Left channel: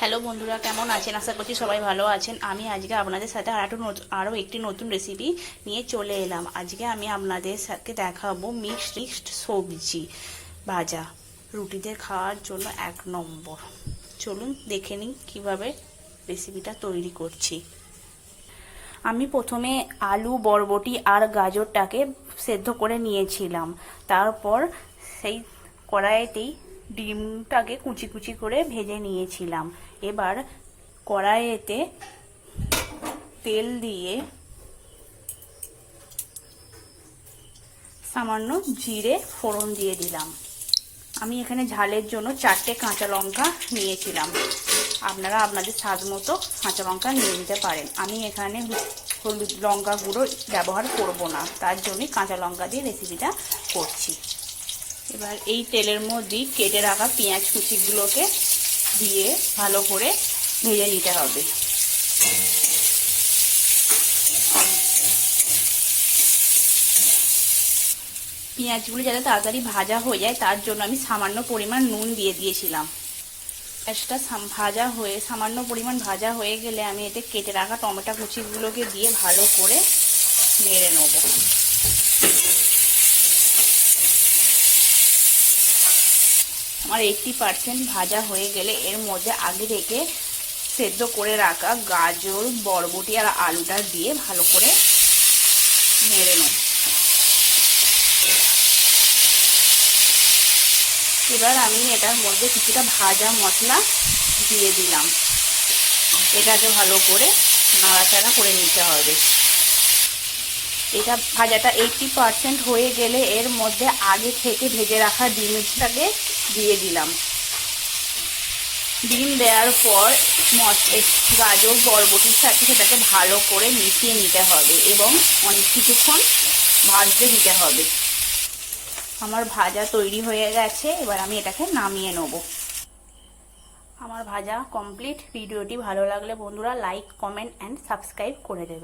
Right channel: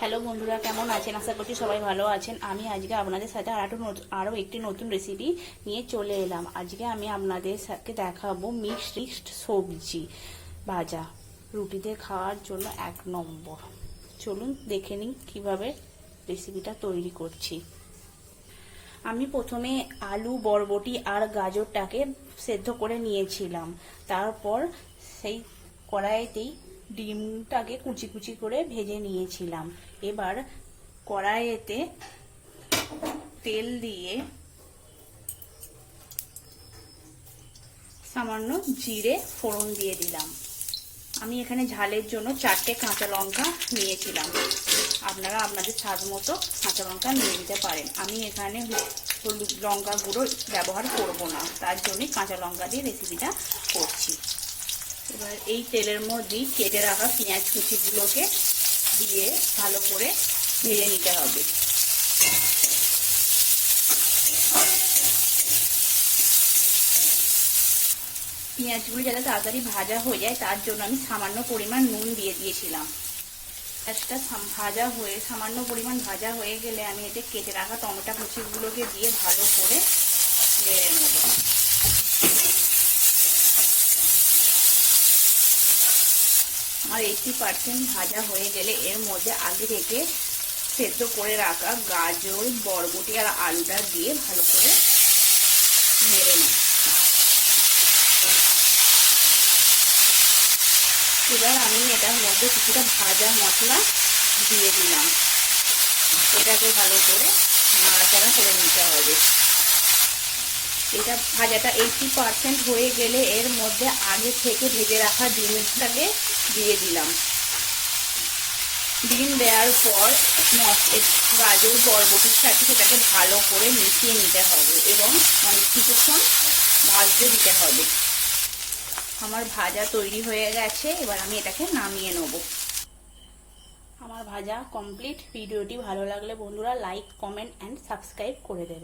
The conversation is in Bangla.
হ্যালো বন্ধুরা, কেমন আছেন? আশা করছি সবাই ভালো আছেন। আমি আজকে আপনাদের সাথে আরও একটি নতুন রেসিপি নিয়ে চলে এলাম। আজকে আমি আপনাদের সাথে দেখাবো মিক্সড সবজি ভাজা, রুটিতে খাওয়ার জন্য এক নম্বর। চলুন দেখে নিন কীভাবে রেসিপিটা তৈরি করছি। আমি প্রথমে আলু, বরবটি আর গাজরটাকে সেদ্ধ করে নিয়েছিলাম। তারপর সেই কড়াইতেই ডিমটাকে কুচি কুচি করে ভেজে নিয়েছিলাম। এবার কড়াইতে তেল দিয়ে সামান্য জিরে ফোড়ন দিয়ে দিলাম। আমি এখানে ঝালের জন্য 4টে কাঁচা লঙ্কা নিয়েছিলাম। আপনারা আপনাদের স্বাদ মতো কাঁচা লঙ্কা নিয়ে নিতে পারেন। আমি এখানে হলুদ লঙ্কা গুঁড়ো ব্যবহার করব না, তার জন্যই কাঁচা লঙ্কা দিয়ে রেসিপিটা করছি। এবার এই তেলের মধ্যেই কেটে রাখা পেঁয়াজ কুচিগুলোকে দিয়ে ভালো করে ভেজে নিতে হবে। পেঁয়াজগুলো যাতে তাড়াতাড়ি ভাজা হয়ে যায় তার জন্য আমি সামান্য পরিমাণ নুন দিয়ে দিয়েছিলাম। পেঁয়াজটা সামান্য পরিমাণ ভাজা হয়ে গেলে আমি এতে কেটে রাখা টমেটো কুচিগুলোকে দিয়ে ভালো করে নেড়ে নেব। আমার 80% ভাজা হয়ে গেলে এর মধ্যে আগে থেকে সেদ্ধ করে রাখা গাজর, বরবটি আর আলুটা দিয়ে ভালো করে নেড়ে নেব। এবার আমি এটার মধ্যে কিছুটা ভাজা মশলা দিয়ে দিলাম। এটাকে ভালো করে নাড়াচাড়া করে নিতে হবে। এটা ভাজাটা 80% হয়ে গেলে এর মধ্যে আগে থেকে ভেজে রাখা ডিমটাকে দিয়ে দিলাম। ডিম দেওয়ার পর গাজর, বরবটির সাথে সেটাকে ভালো করে মিশিয়ে নিতে হবে এবং অনেক কিছুক্ষণ ভাজতে দিতে হবে। আমার ভাজা তৈরি হয়ে গেছে। এবার আমি এটাকে নামিয়ে নেব। আমার ভাজা কমপ্লিট। ভিডিওটি ভালো লাগলে বন্ধুরা লাইক, কমেন্ট অ্যান্ড সাবস্ক্রাইব করে দেবেন।